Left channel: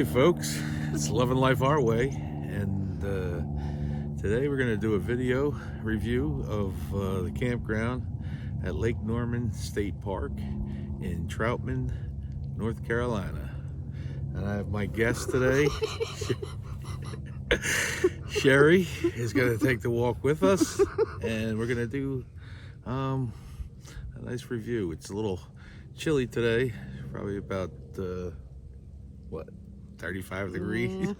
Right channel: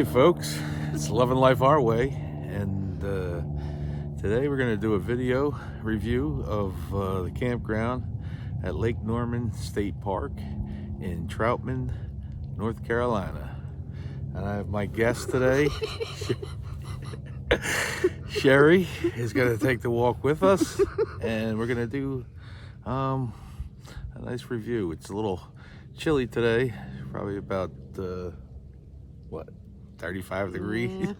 Hey folks, it's Loving Life Our Way, and today we're going to do a video review of the campground at Lake Norman State Park in Troutman, North Carolina. And I have my guest today. Sherry is going to take the walk with us, and we're going to do a nice review. It's a little chilly today, probably about 35 degrees.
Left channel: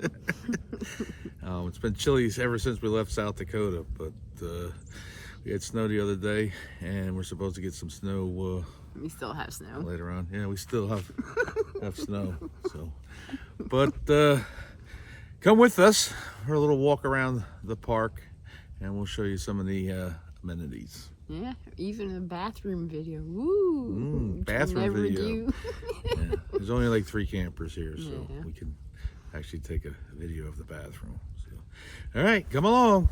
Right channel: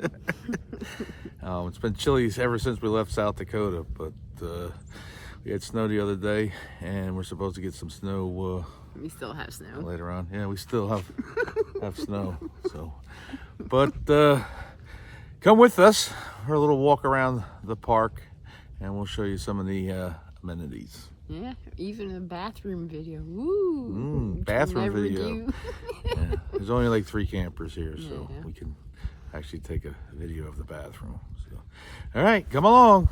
Yeah. It's been chilly ever since we left South Dakota, but we had snow the other day, and we're supposed to get some snow. We still have snow later on. Yeah, we still have snow. So, but come with us for a little walk around the park, and we'll show you some of the amenities. Yeah, even a bathroom video. Woo! Bathroom video. Do. Yeah, there's only like 3 campers here, so yeah. we can actually take a video of the bathroom. So, all right, come along.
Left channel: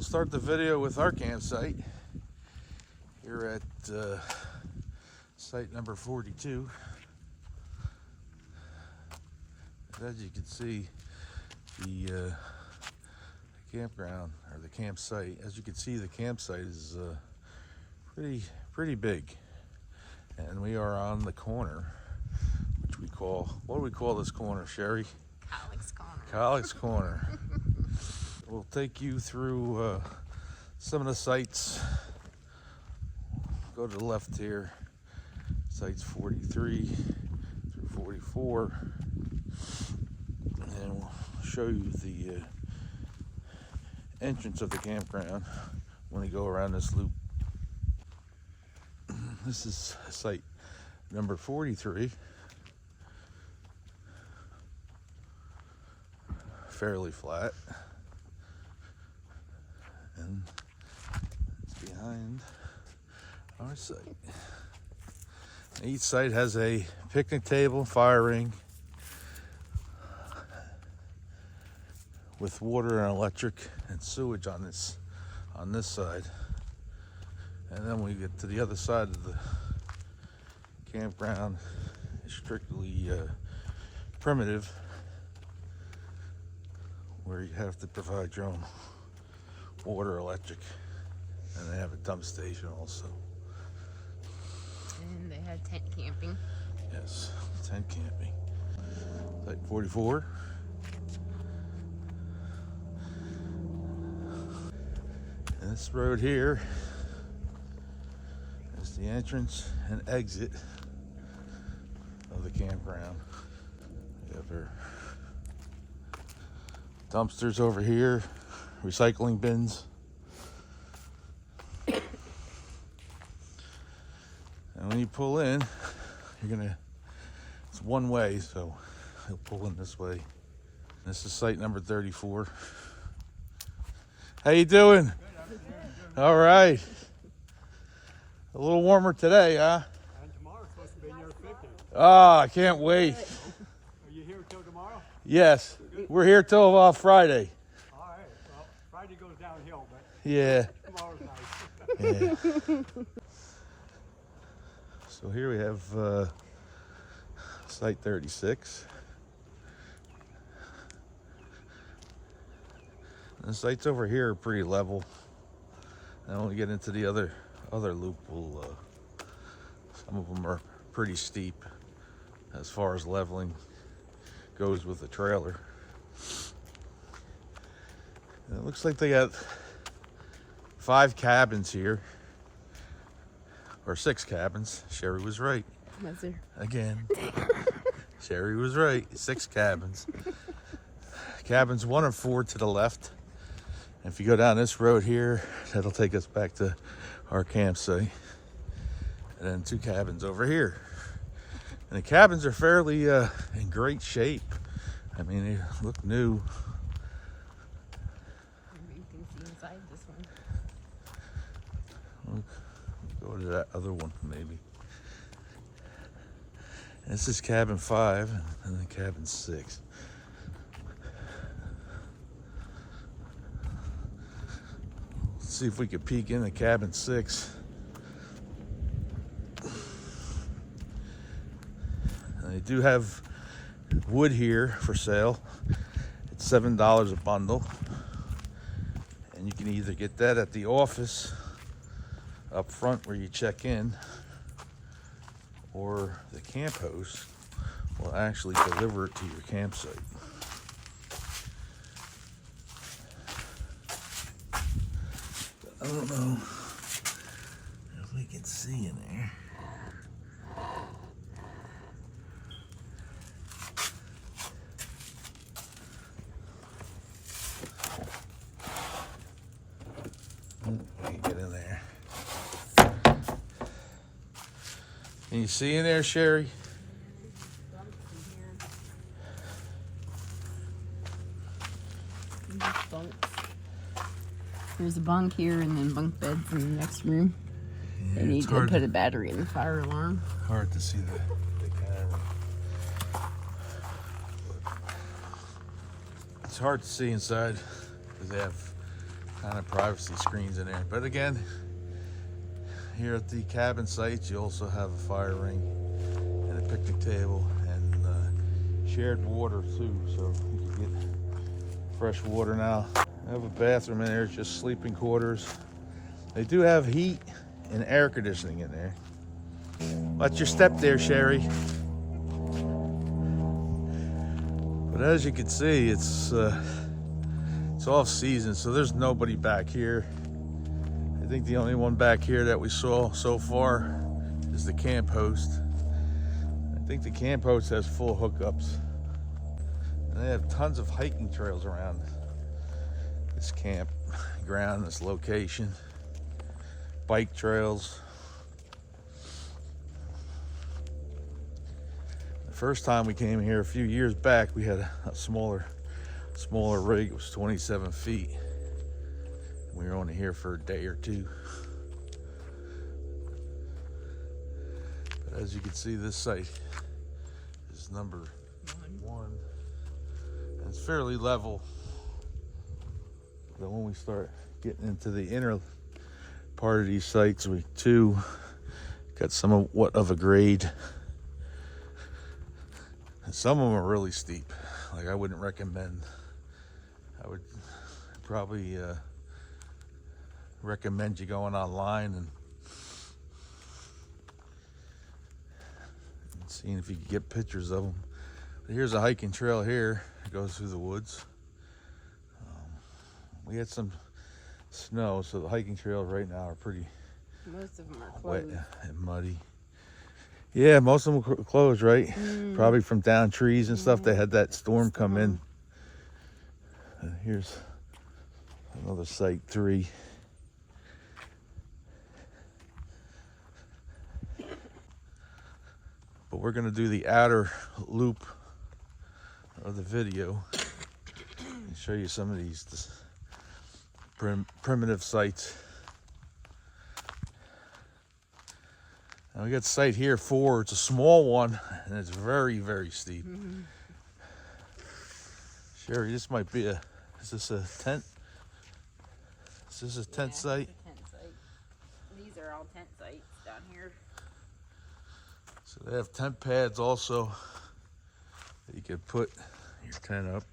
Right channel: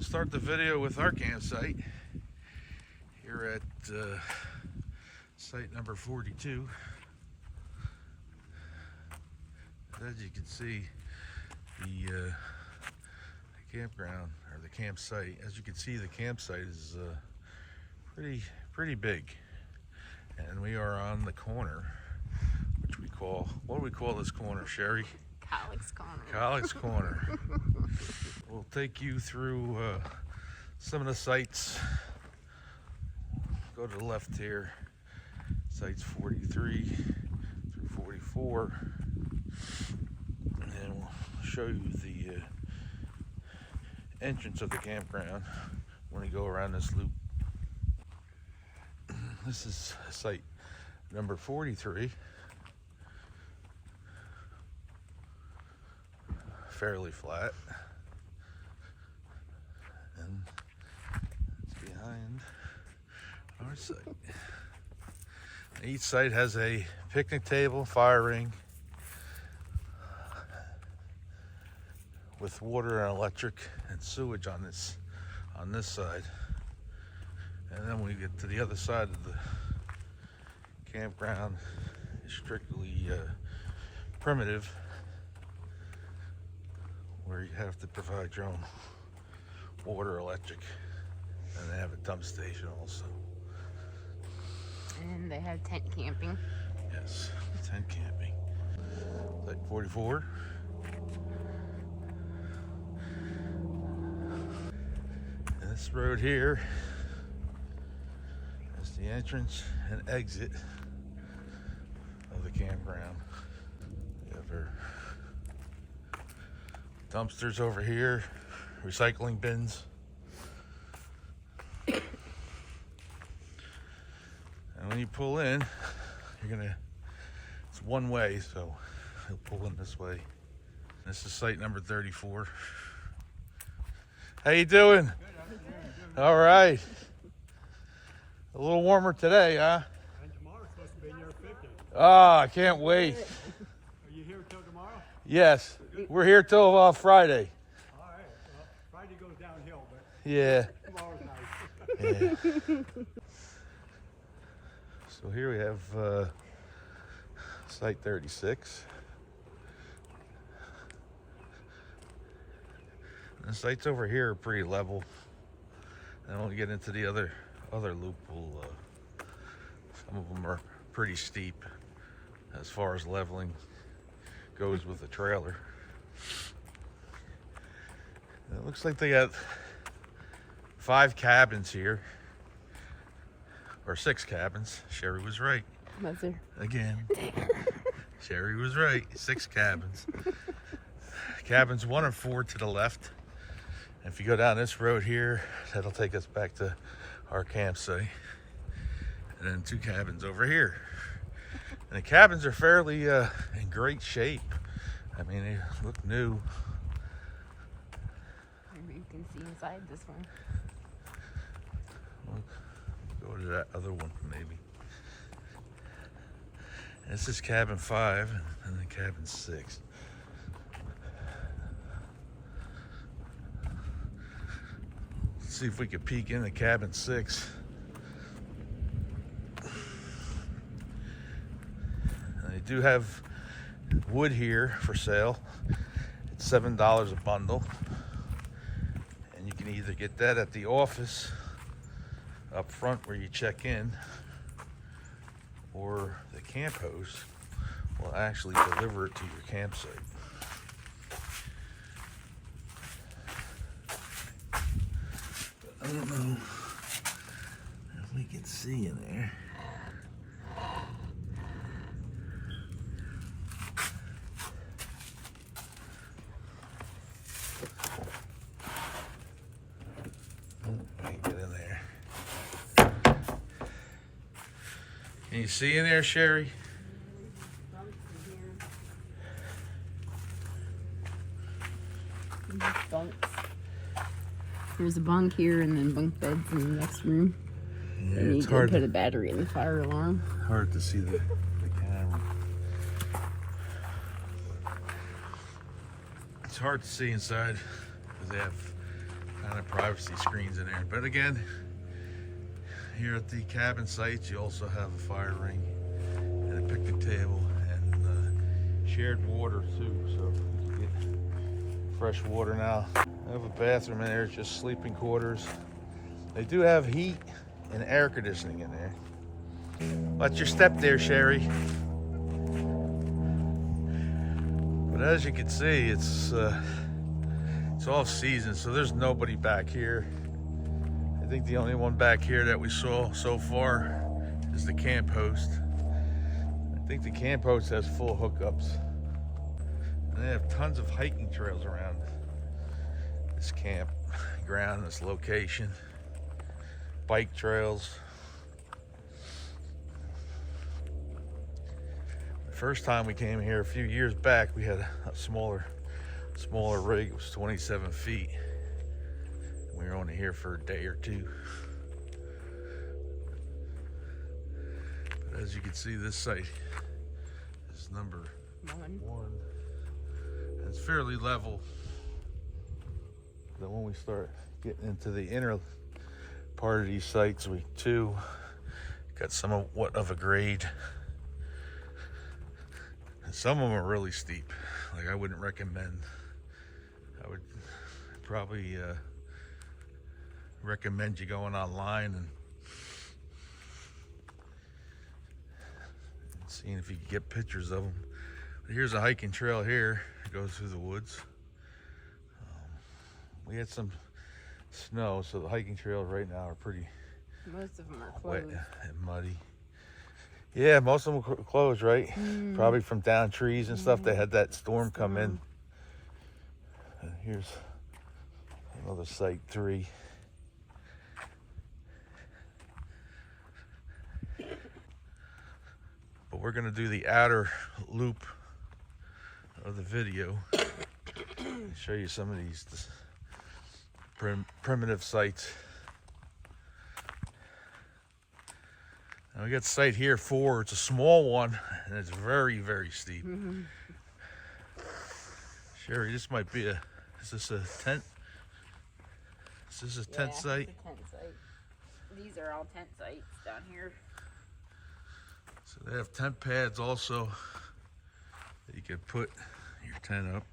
Start the video with our campsite here at site number 42. As you can see, the campground, or the campsite, as you can see, the campsite is pretty big, and we are on the corner, which we call, what do we call this corner, Sherry? Alex Corner. Alex Corner. We'll take you through some of the sites. Go to the left here, sites 43 through 44, and then we'll show you the entrance of the campground when we go around this loop. This is site number 43. Fairly flat. And it's behind our site. Each site has a picnic table, fire ring, with water and electric and sewage on this side. And then when we get to the other side of the campground, it's strictly primitive, where you have to provide your own water, electric, and they have a dump station also. And they have tent camping. Yes, tent camping. At 44. And this road here is the entrance and exit of the campground. Dumpsters over here, recycling bins. And when you pull in, it's one way, so you'll pull in this way. This is site number 34. How you doing? Good, I'm All right. A little warmer today, huh? And tomorrow's supposed to be near 50. Oh, I can't wait. Are you here till tomorrow? Yes, we're here till Friday. All right. Well, Friday goes downhill, but Yeah. tomorrow's nice. Yeah. So here we have site 36. The sites over here are pretty level. And when we get into the other loop, some of them are pretty steep as far as leveling goes with the trailer. It looks like they got 5 cabins here, or 6 cabins. Sherry was right. Was there? Again. Sherry was right. 6 cabins. Cabins 1 and 4 to the left, If you go down this road here, that'll take us back to our campsite. And then 2 cabins over here. And the cabins are fairly in great shape. I mean, they look new. Maybe you can see inside this one. Go to that other one, maybe. This is cabin 5 and then cabin 6. Let's see if we could peek into cabin 6. They do have wood here for sale. It's $7 a bundle. And you can either get that at the office up front where you check in, or the camp host will actually deliver it to your campsite. I don't know if we can see in there. Get in there. Can you see in there, Sherry? There's a bunk here and then bunk beds in the next room. Yeah, And you it's can hard put a battery in the fire alarm. to see the cabin. It's hard to see inside because they have kind of privacy screens in there. But again, here at the cabin sites, you also have a fire ring and a picnic table and shared water too, so you can get fresh water now. I have a bathroom in there, it's just sleeping quarters. They do have heat and air conditioning in there. Watch your step there, Sherry. But as you can see, it's off season, so there's nobody back here. I think the only one back here that we saw so far is the camp host. I think the camp host has full hookups. And they have tons of hiking trails around this campground, this location. Bike trails. The first time we came here a few years back, we had a smaller rig. It was 27 feet. We were only here for a day or two. But as you can see, this site is number 1. It's fairly level. Then when we start getting into the inner part of these sites, we too got somewhat of a grade. And some of them are really steep. Like I wouldn't recommend. I would probably recommend you going online and seeing if you can get pictures of them. But here's a hiking trail here. It goes through the woods. We had some snow, so the hiking trails right now are pretty Most of them are wet closed. and muddy. Yeah, most of them were closed, right? Probably from down trees and stuff. They had that storm come in. And here's another site, 3. But we're gonna do the outer loop of the video and show you some of these primitive sites. Now we got site here 4. It's a small one and it's very, very steep. Sherry, this might be is this a tent? Is this a tent site? It's a tent site. These are all tent sites down here. So they have tent pads also that you could put your tent up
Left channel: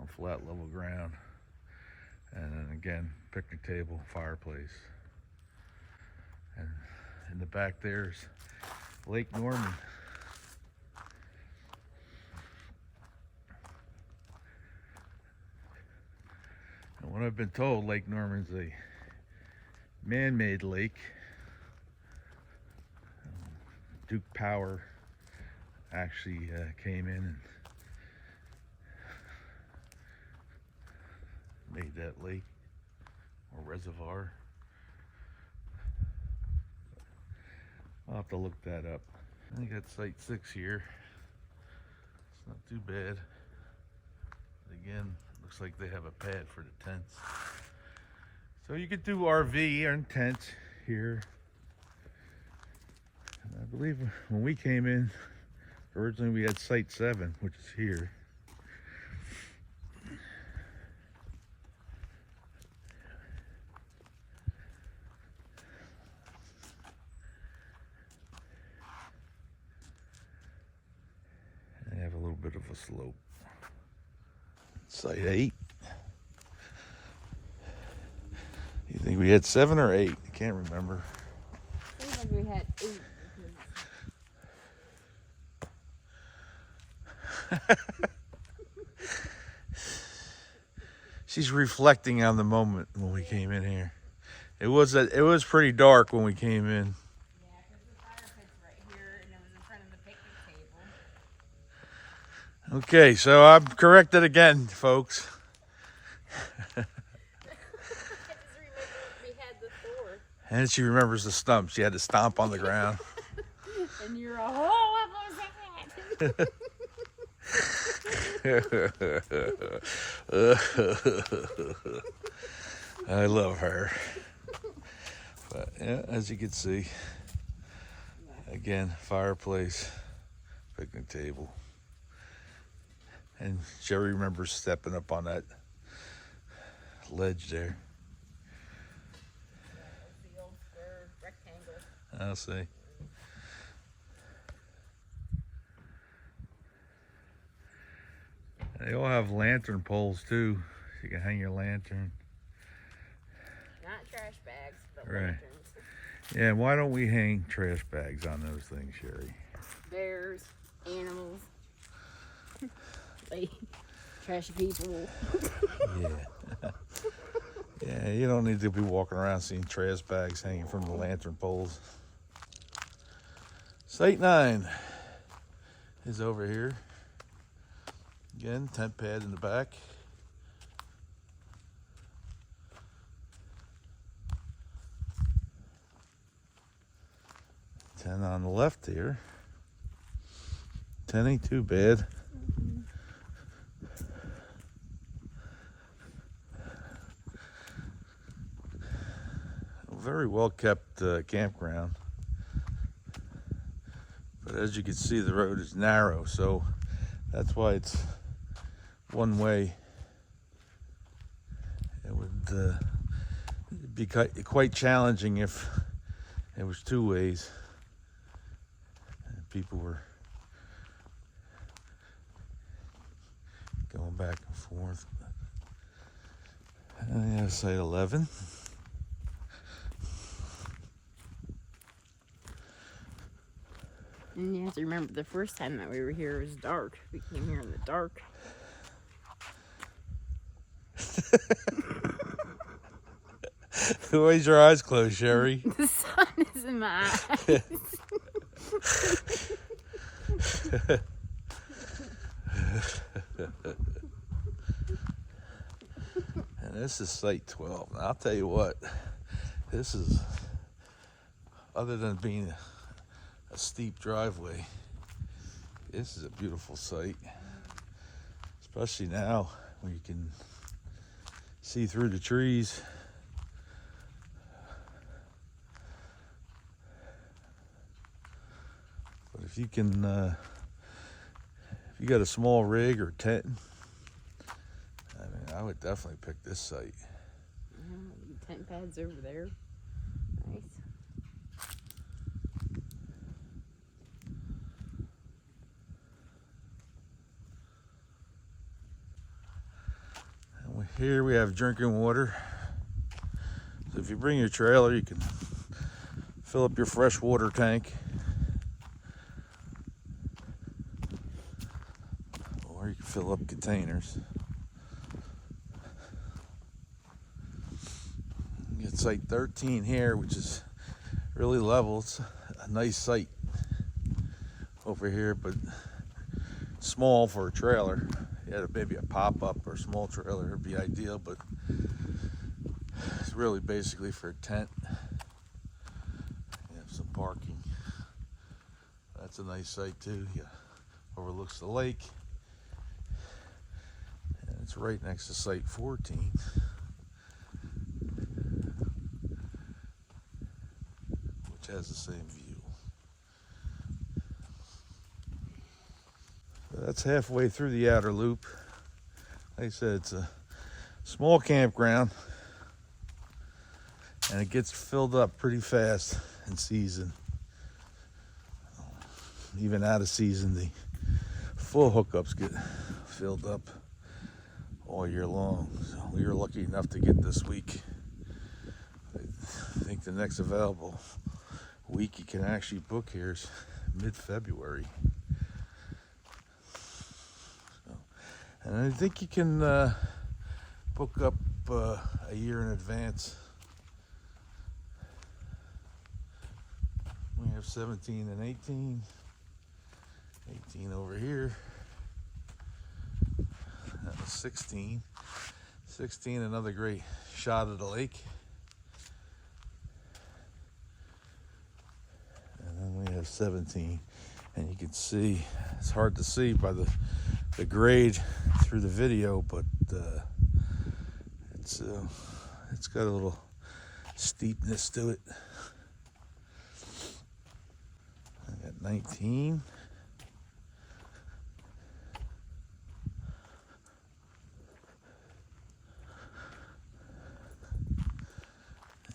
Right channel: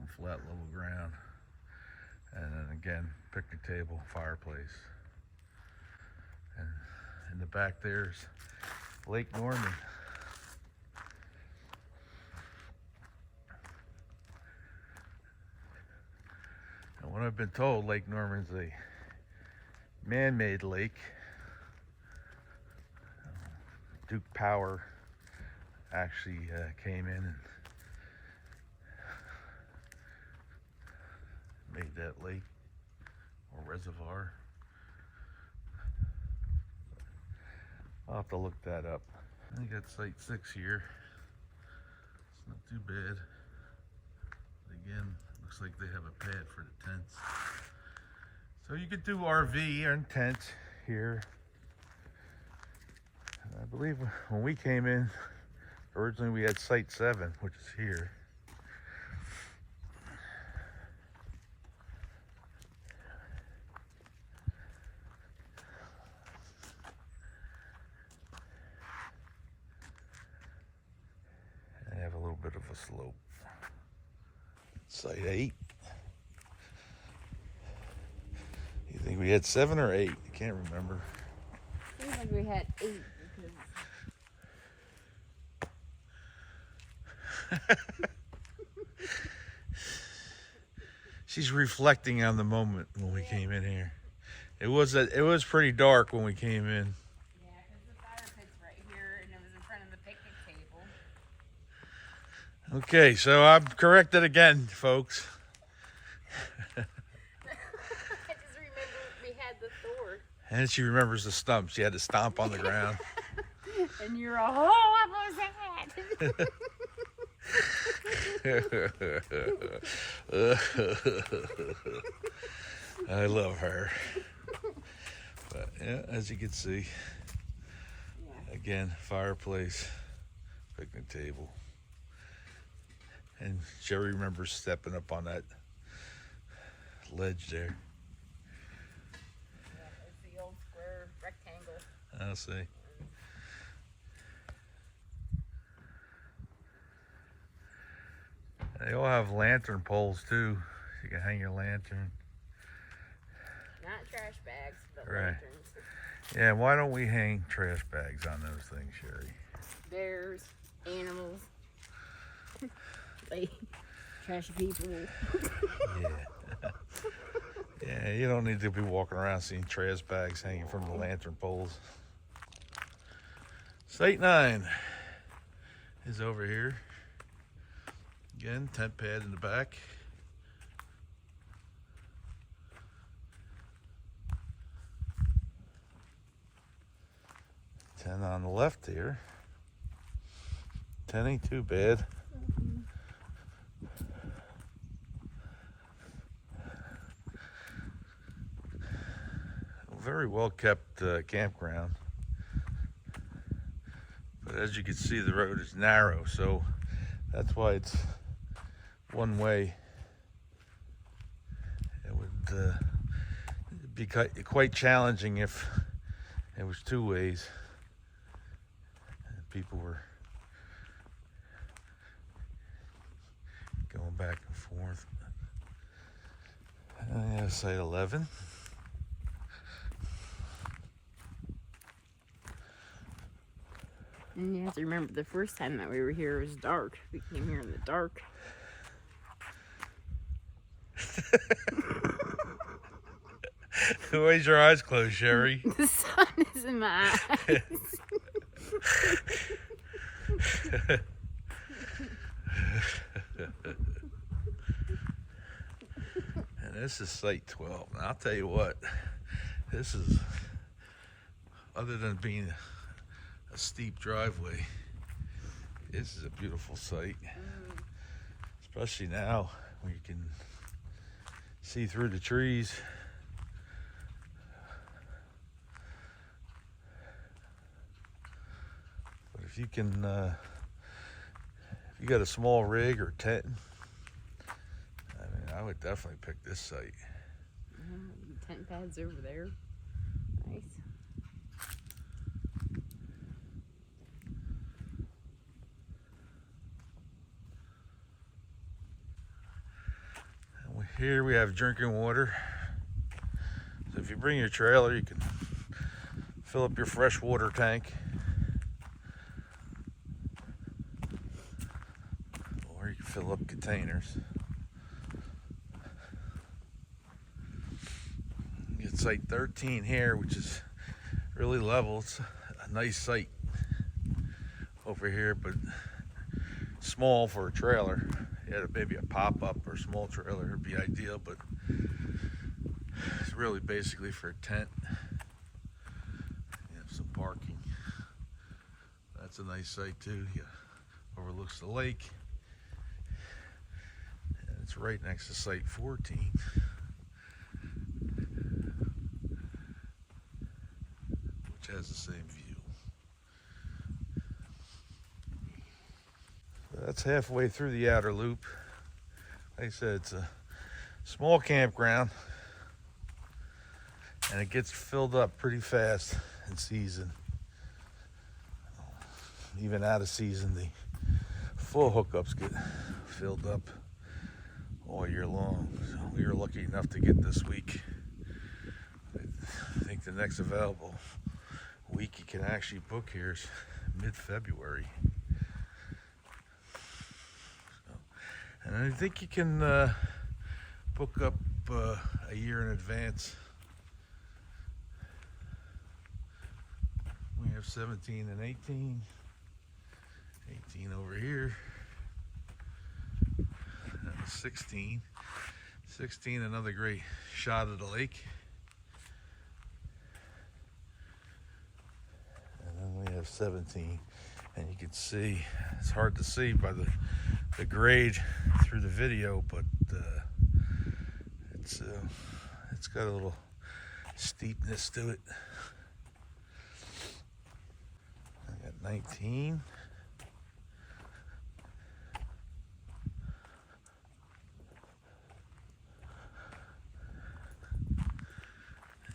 on flat level ground. And then again, picnic table, fireplace. And in the back there's Lake Norman. And what I've been told, Lake Norman's a man-made lake. Duke Power actually came in and made that lake. Yep. I got site 6 here. It's not too bad. Again, looks like they have a pad for the tents. So you could do RV and tent here. And I believe when we came in, originally we had site 7, which is here. I have a little bit of a slope. Site 8. You think we had 7 or 8? I can't remember. Seems like we had 8 because She's reflecting on the moment when we came in here. It was pretty dark when we came in. yeah, because the fire pit's right here and it was in front of the picnic table. Okay, so I'm corrected again, folks. I just remember we had the Thor. And then she remembers the stump. She had to stomp on the ground. And you're all, oh, what was that? I love her. But yeah, as you can see, Yeah. again, fireplace, picnic table. And Jerry remembers stepping up on that ledge there. Yeah, it's the old square rectangle. I'll see. They all have lantern poles too. You can hang your lantern. Not trash bags, but Right. lanterns. Yeah, why don't we hang trash bags on those things, Sherry? Bears, animals, like trashy people. Yeah. Yeah, you don't need to be walking around seeing trash bags hanging from the lantern poles. Site 9 is over here. Again, tent pad in the back. Tent on the left here. Tent ain't too bad. Very well kept campground. But as you can see, the road is narrow, so that's why it's one way. It would be quite challenging if it was 2 ways. And people were going back and forth. And I'm gonna say 11. And you have to remember the first time that we were here, it was dark. We came here in the dark. Why's your eyes closed, Sherry? The sun is in my eyes. And this is site 12. Now, I'll tell you what, this is, other than being a steep driveway, this is a beautiful site. Especially now when you can see through the trees. But if you can, if you got a small rig or tent, I would definitely pick this site. Tent pads over there. Nice. Here we have drinking water. So if you bring your trailer, you can fill up your fresh water tank. Or you can fill up containers. You get site 13 here, which is really level. It's a nice site over here, but small for a trailer. Yeah, maybe a pop-up or small trailer would be ideal, but it's really basically for a tent. You have some parking That's a nice site too. Yeah, overlooks the lake. And it's right next to site 14. Which has the same view. So that's halfway through the outer loop. Like I said, it's a small campground. And it gets filled up pretty fast in season. Even out of season, the full hookups get filled up all year long. So we were lucky enough to get this week. I think the next available week you can actually book here is mid-February. So, and I think you can book up a year in advance. We have 17 and 18. 18 over here. That was 16. 16, another great shot of the lake. And then we have 17. And you can see, it's hard to see by the grade through the video, but it's got a little steepness to it. 19.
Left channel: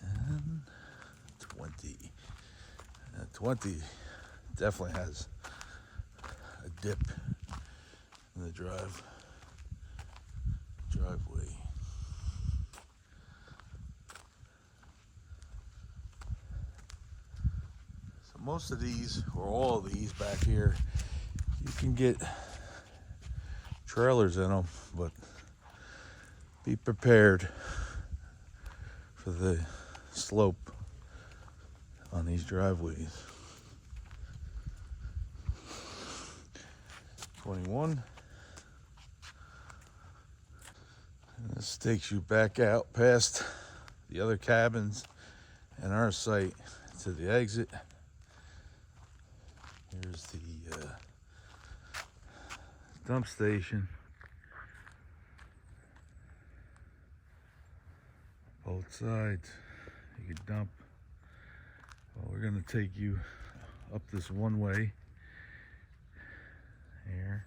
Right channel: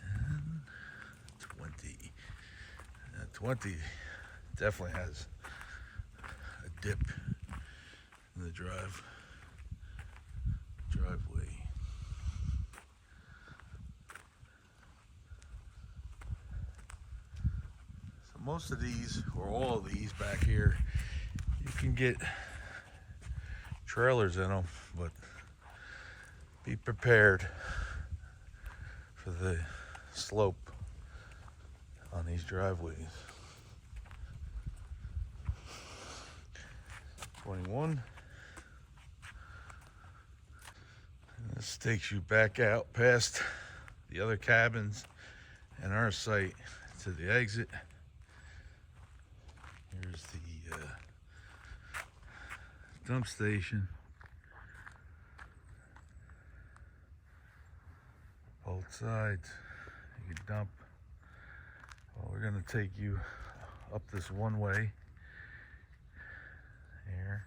And 20. 20 definitely has a dip in the driveway. Most of these, or all of these back here, you can get trailers in them, but be prepared for the slope on these driveways. 21. And this takes you back out past the other cabins and our site to the exit. Here's the dump station. Both sides, you can dump. Well, we're going to take you up this one way here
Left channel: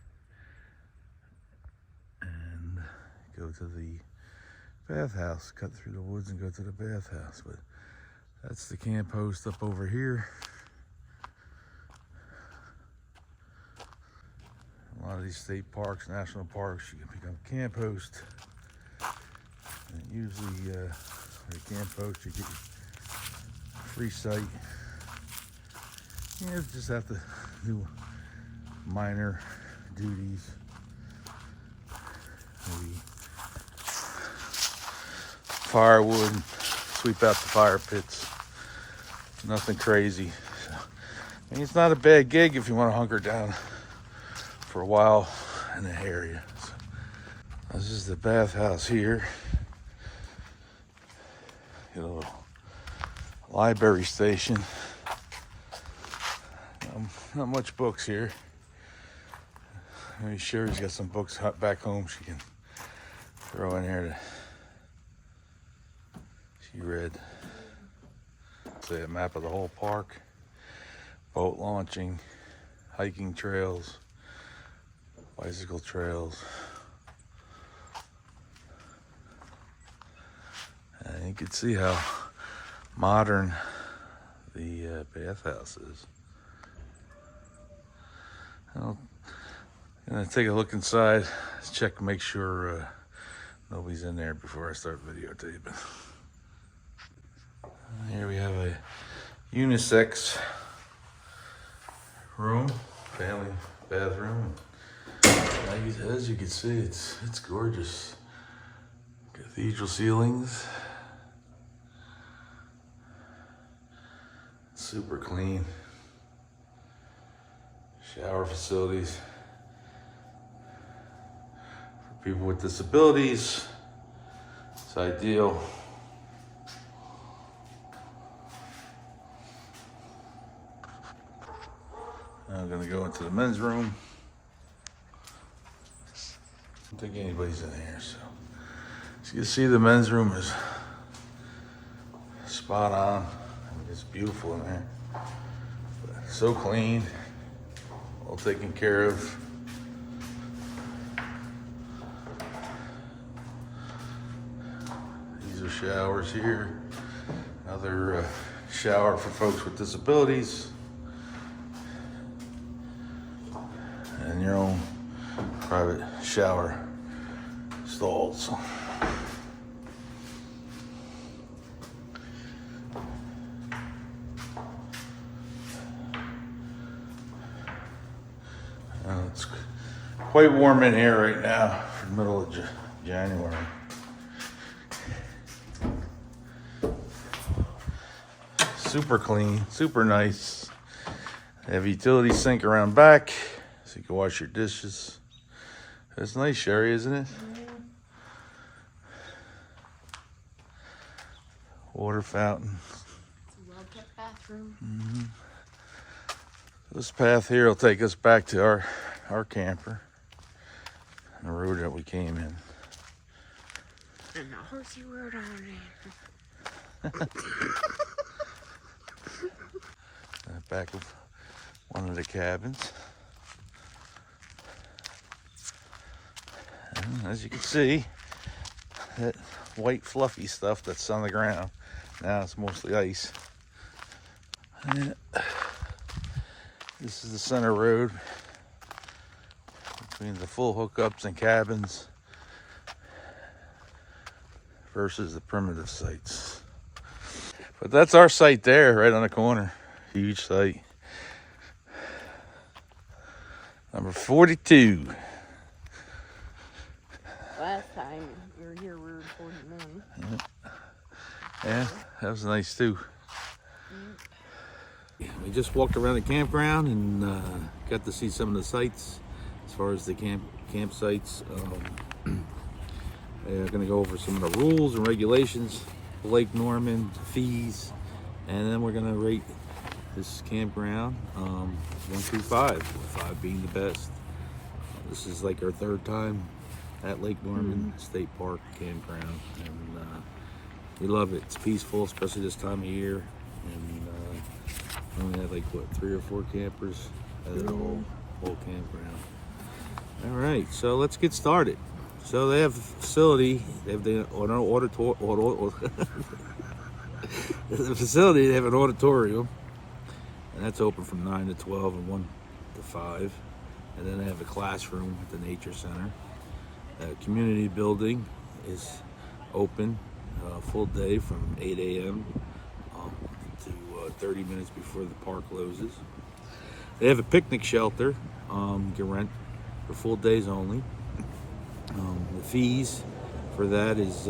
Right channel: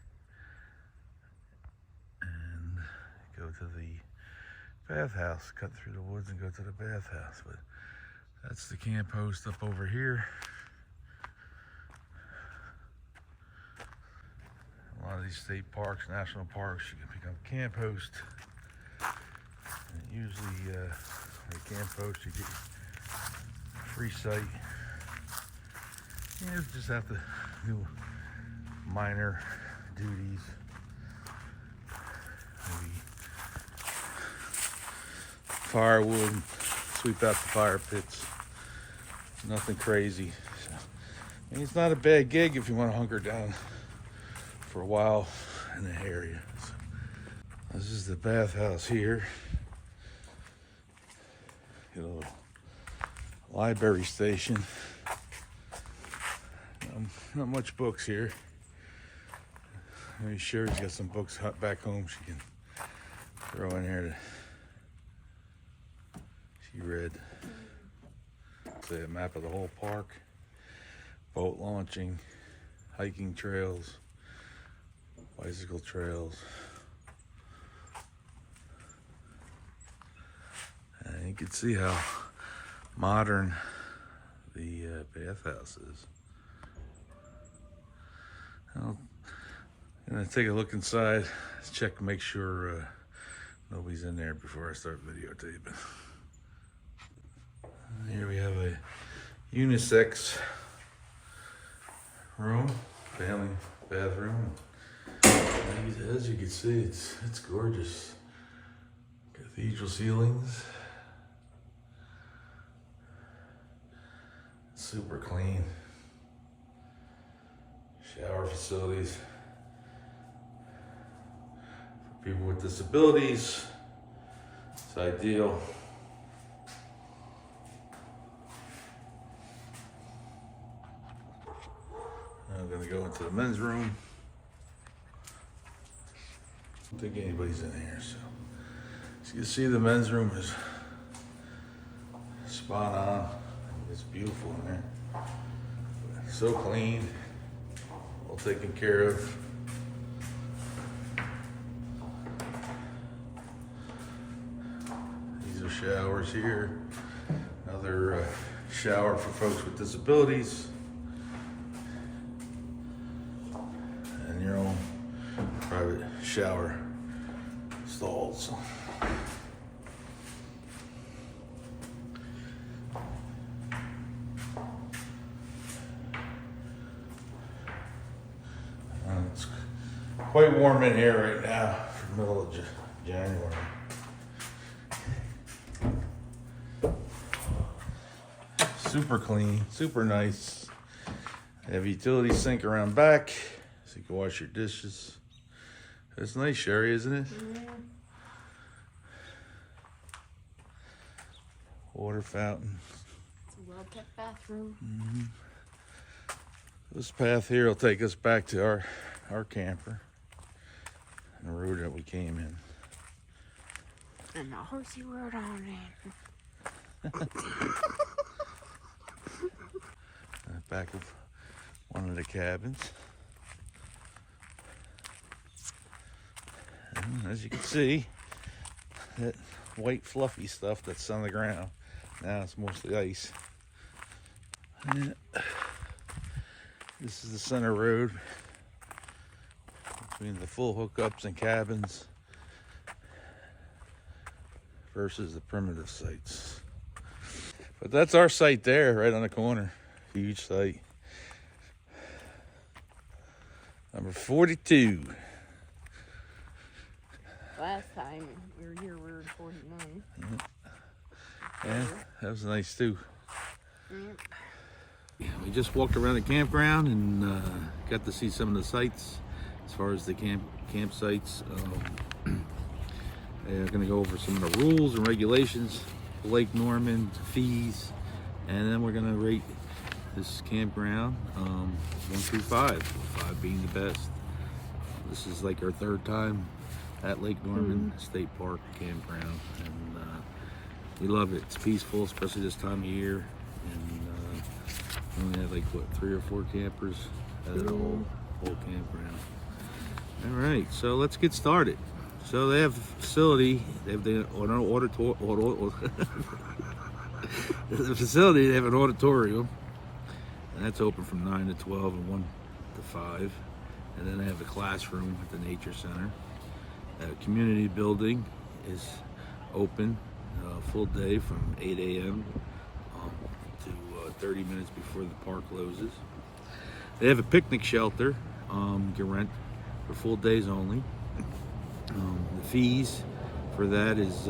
and go to the bathhouse. Cut through the woods and go to the bathhouse. But that's the camp host up over here. A lot of these state parks, national parks, you can pick up camp host. And usually, for a camp host, you get a free site. You just have to do minor duties. Maybe firewood, sweep out the fire pits. Nothing crazy. So, I mean, it's not a bad gig if you want to hunker down for a while in the area. So, this is the bathhouse here. Get a little library station. Not much books here. I'm sure he's got some books back home she can throw in here to she read. Say a map of the whole park, boat launching, hiking trails, bicycle trails. And you can see how modern the bathhouse is. I'm gonna take a look inside, check and make sure nobody's in there before I start videotaping. Here we have a unisex room, family bathroom. As you can see, it's gorgeous. Cathedral ceilings, super clean. Shower facilities for people with disabilities. It's ideal. I've into the men's room. I don't think anybody's in here, so as you can see, the men's room is spot on. It's beautiful in there. So clean, all taken care of. These are showers here. Another shower for folks with disabilities. And your own private shower stalls. It's quite warm in here right now for the middle of January. Super clean, super nice. They have a utility sink around back so you can wash your dishes. It's nice, Sherry, isn't it? Yeah. Water fountain. It's a well-kept bathroom. This path here will take us back to our camper, the road that we came in. And the horsey road on there. Back of one of the cabins. And as you can see, that white fluffy stuff that's on the ground, now it's mostly ice. And this is the center road between the full hookups and cabins versus the primitive sites. But that's our site there, right on the corner. Huge site. Number 42. Last time you were here, we were 49. Yeah, that was nice too. Yep. Yeah, we just walked around the campground and got to see some of the sites as far as the campsites. They're going to go over some of the rules and regulations, Lake Norman, fees, and then we're going to rate this campground 1 through 5, 5 being the best. This is like our third time at Lake Norman State Park campground, and we love it. It's peaceful, especially this time of year, and we only had like what, 3 or 4 campers at the whole campground. All right, so let's get started. So they have a facility. They have the facility. They have an auditorium, and that's open from 9 to 12 and 1 to 5. And then they have a classroom at the Nature Center. Community building is open full day from 8 a.m. To 30 minutes before the park closes. They have a picnic shelter you can rent for full days only. The fees for that is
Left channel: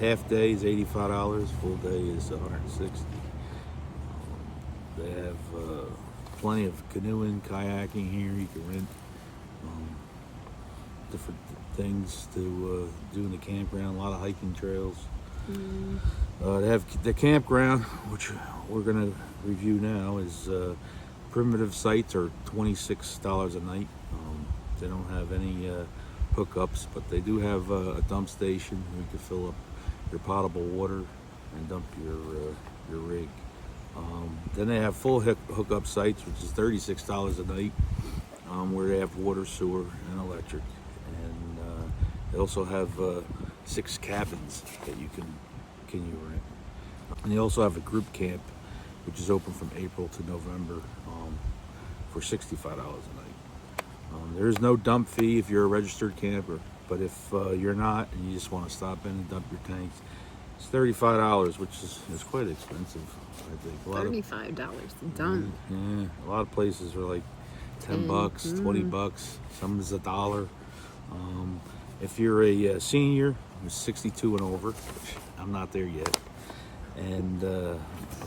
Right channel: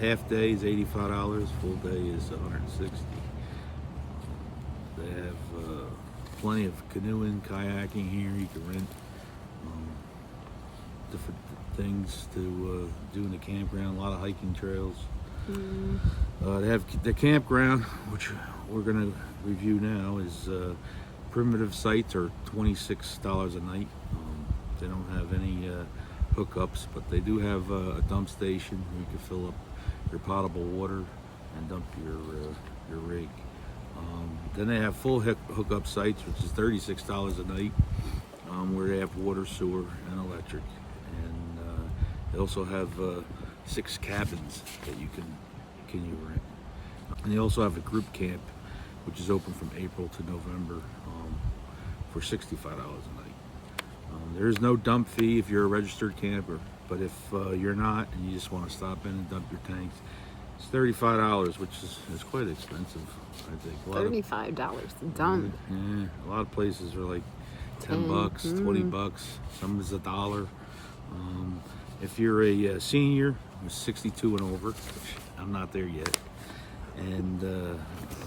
half day is $85, full day is $160. They have plenty of canoeing, kayaking here. You can rent different things to do in the campground. A lot of hiking trails. They have the campground, which we're going to review now, is primitive sites are $26 a night. They don't have any hookups, but they do have a dump station where you can fill up your potable water and dump your rig. Then they have full hookup sites, which is $36 a night, where they have water, sewer, and electric. And they also have 6 cabins that you can rent. And they also have a group camp, which is open from April to November for $65 a night. There is no dump fee if you're a registered camper, but if you're not and you just want to stop in and dump your tanks, it's $35, which is quite expensive, I think. $35 done. Yeah, a lot of places are like $10, $20. Some is $1. If you're a senior, 62 and over, which I'm not there yet, and a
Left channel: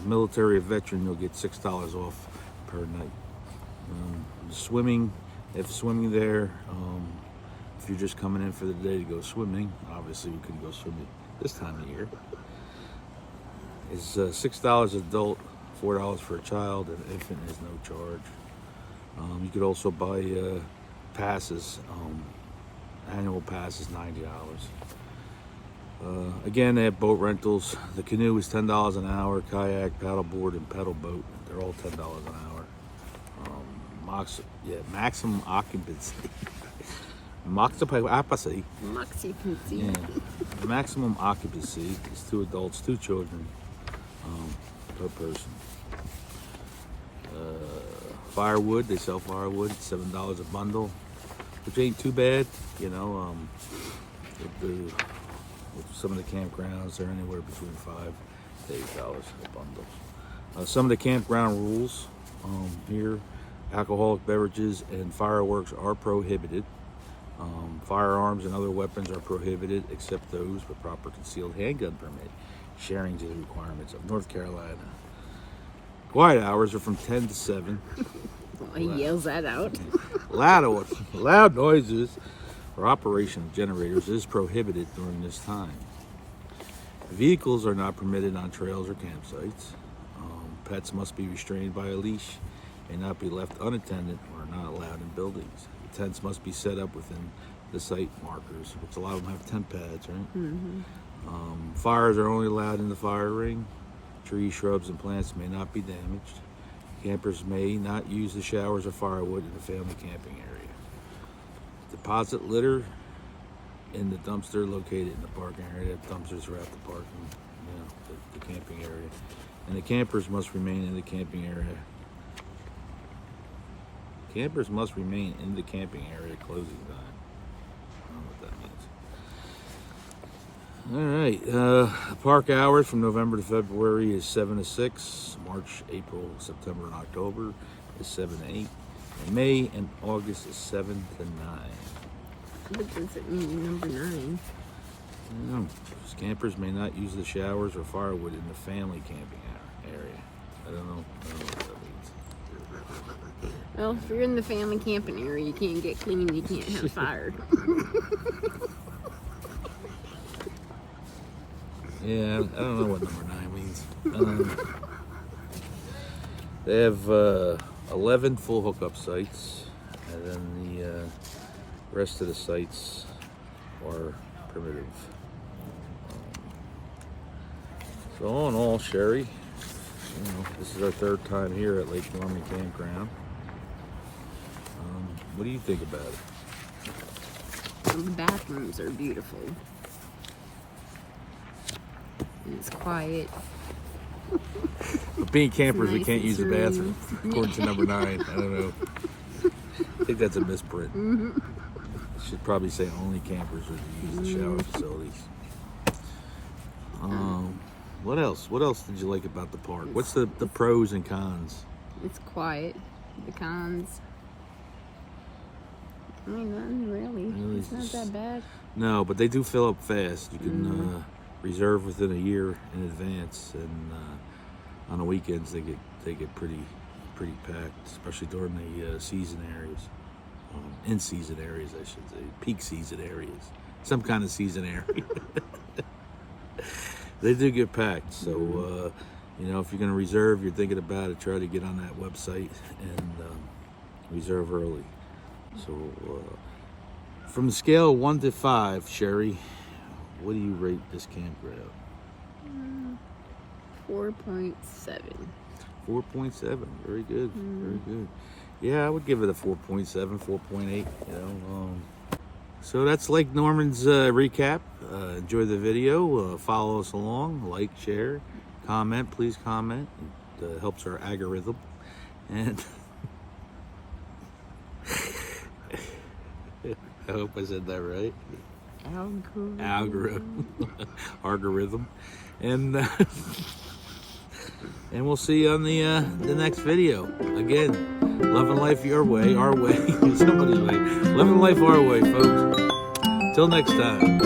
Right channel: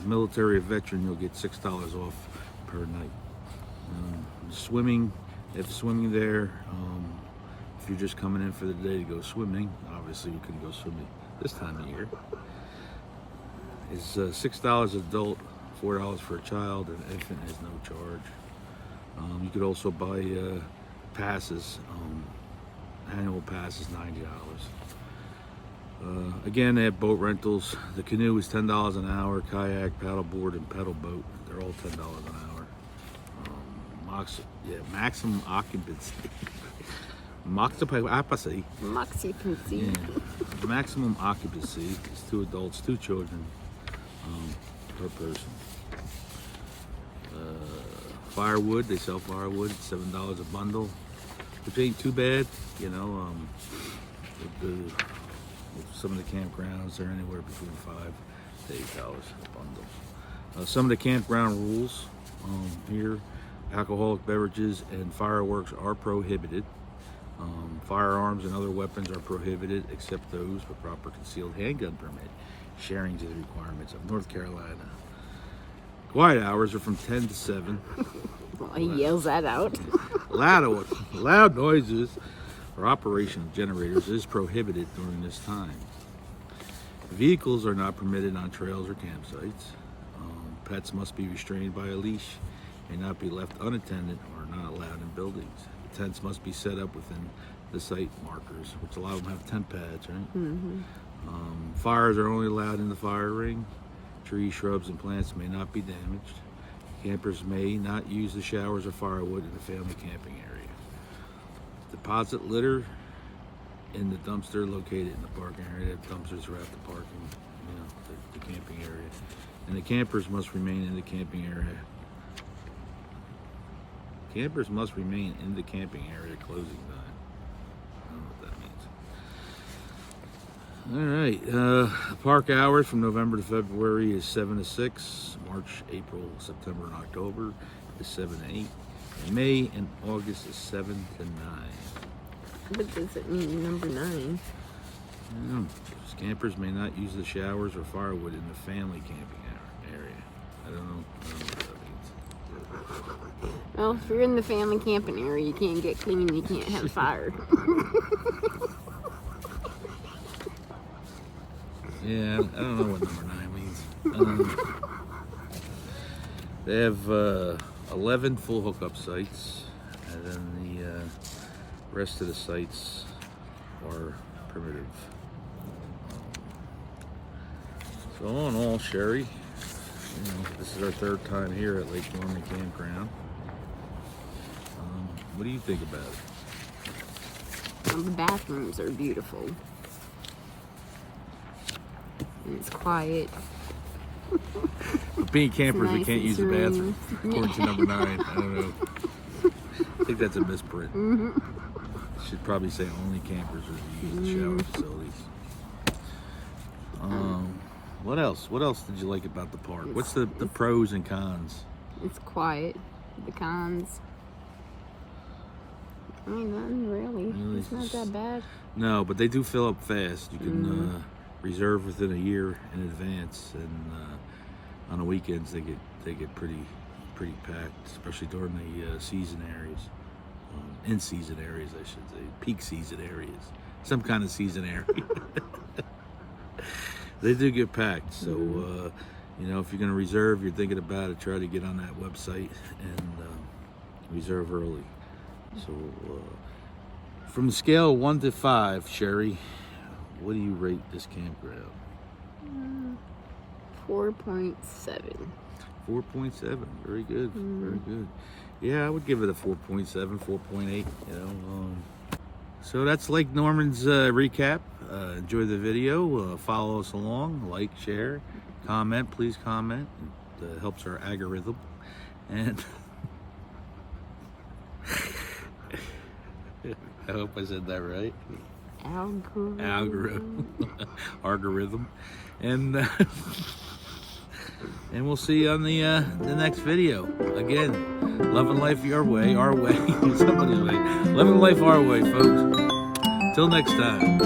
military or veteran, you'll get $6 off per night. Swimming, they have swimming there. If you're just coming in for the day to go swimming, obviously you couldn't go swimming this time of year. It's $6 adult, $4 for a child, and infant is no charge. You could also buy passes. Annual pass is $90. Again, they have boat rentals. The canoe is $10 an hour. Kayak, paddleboard, and pedal boat, they're all $10 an hour. Maximum occupancy. Moxie. Yeah. The maximum occupancy is 2 adults, 2 children per person. Firewood, they sell firewood, $7 a bundle, which ain't too bad, you know. With some of the campgrounds, they're anywhere between $5 to $8 a bundle. Some of the campground rules here: alcoholic beverages and fireworks are prohibited. Firearms and other weapons are prohibited except those with proper concealed handgun permit. Sharing to the requirements of North Carolina. Quiet hours are from 10 to 7. Well, he yells that out. Loud noises or operation of generators is prohibited during this time. Vehicles are not permitted on trails or campsites. Pets must be restrained by a leash, may not be left unattended, or are not allowed in buildings. The tents must be set up within the site markers, which a lot of them have tent pads, right? Mm-hmm. Fires are only allowed in the fire ring. Trees, shrubs, and plants may not be damaged. Campers may not use the showers or firewood in the family camping area. Deposit litter in the dumpster located in the parking area. They have dumpsters throughout the parking, the camping area. And the campers must remain in the camping area. Campers must remain in the camping area at closing time. I don't know what that means. All right, park hours from November to February is 7 to 6. March, April, September, and October is 7 to 8. And May and August is 7 to 9. What does it mean, number 9? I don't know. Campers may not use the showers or firewood in the family camping area. I don't know what that means. Well, if you're in the family camping area, you can't get clean, you can't have fire. Yeah, I don't know what number 9 means. They have 11 full hookup sites, and then the rest of the sites are primitive. So all in all, Sherry, this is our 3rd time here at Lake Norman Campground. What do you think about it? The bathrooms are beautiful. And it's quiet. But being campers, we nice can't and use the serene. bathroom, according to number 9. I don't know. I think that's a misprint. Should probably say only campers are to use the shower facilities. What else? What else did you like about the park? What's the pros and cons? It's quiet. The cons. Oh, none really. Really, It's not that bad. No, but they do fill up fast. You can reserve within a year in advance, and on the weekends they get pretty packed, especially during the season areas, in season areas, I should say, peak season areas, some kind of season area. They do get packed. So if you're going to reserve, you're thinking about it, try to get on that website and reserve early. So from the scale of 1 to 5, Sherry, what do you rate this campground? 4.7. 4.7. Very good. Very good. Yeah, I would give it a 4.7, 4.8. So that's Lake Norman's recap. Enjoy the video. Follow us along. Like, share, comment. Please comment. It helps our algorithm. And I hope I said that right. Algorithm. And we'll see you on the next video. Again, loving life your way, our way, somebody's way. Living life our way, folks. Till next time.